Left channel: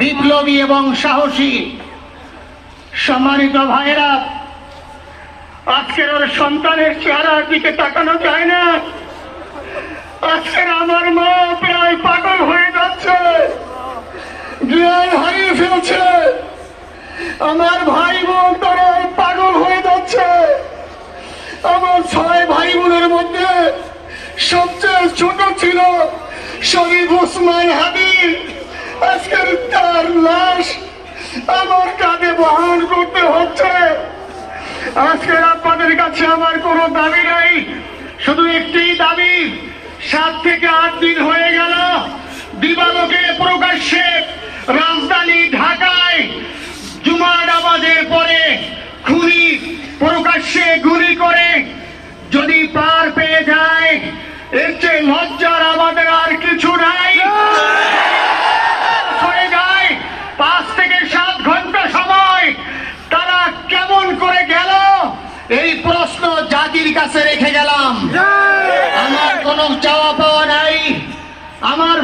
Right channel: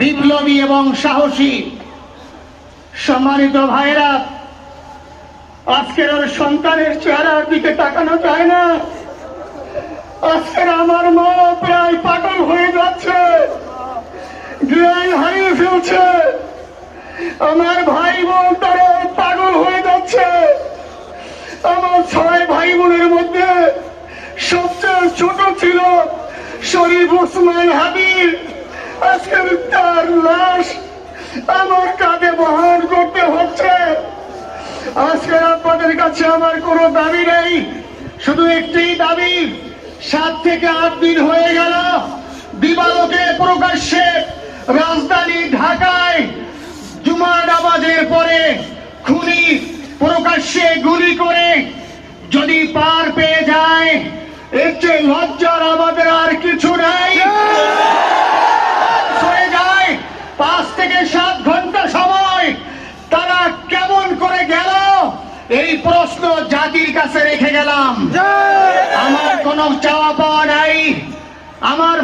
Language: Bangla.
বিপ্লবী এবং সাহসী সম্মানিত ভাইরা আজকের ওর সন্তানের চেহারার দিকে তাকানো যায় না। আজকের আমার মা প্রায় পাগল হয়ে যাচ্ছে হারিয়ে ফেলছে। আমার ভাই বোন তারা পাগল হয়ে যাচ্ছে। আমার ছয় ভাই বোনের মধ্যে সবচেয়ে ছোট ছিল শরীফ ওসমান হাবিব। আজকের তার লাশ আমার কাঁধে বহন করতে হচ্ছে। আজকে আপনাদের কাছে আমার কোনো দাবি নেই, শুধু একটি দাবি, সাত থেকে আট দিন হয়ে গেল, দিবালোকে প্রকাশ্যে রাজধানী ঢাকায় জুমার নামাজের পরে খুনি প্রকাশ্যে গুলি করে যদি পার পেয়ে যায় এর চেয়ে লজ্জার আমাদের আর কিছু নাই হয়ে যায় পাঁচ থেকে সাত ঘণ্টা সময় তারা কেমন করে গেল এই প্রশ্ন জাতির কাছে রেখে গেলাম। আমার কোনো চাওয়া পাওয়া নাই। আমার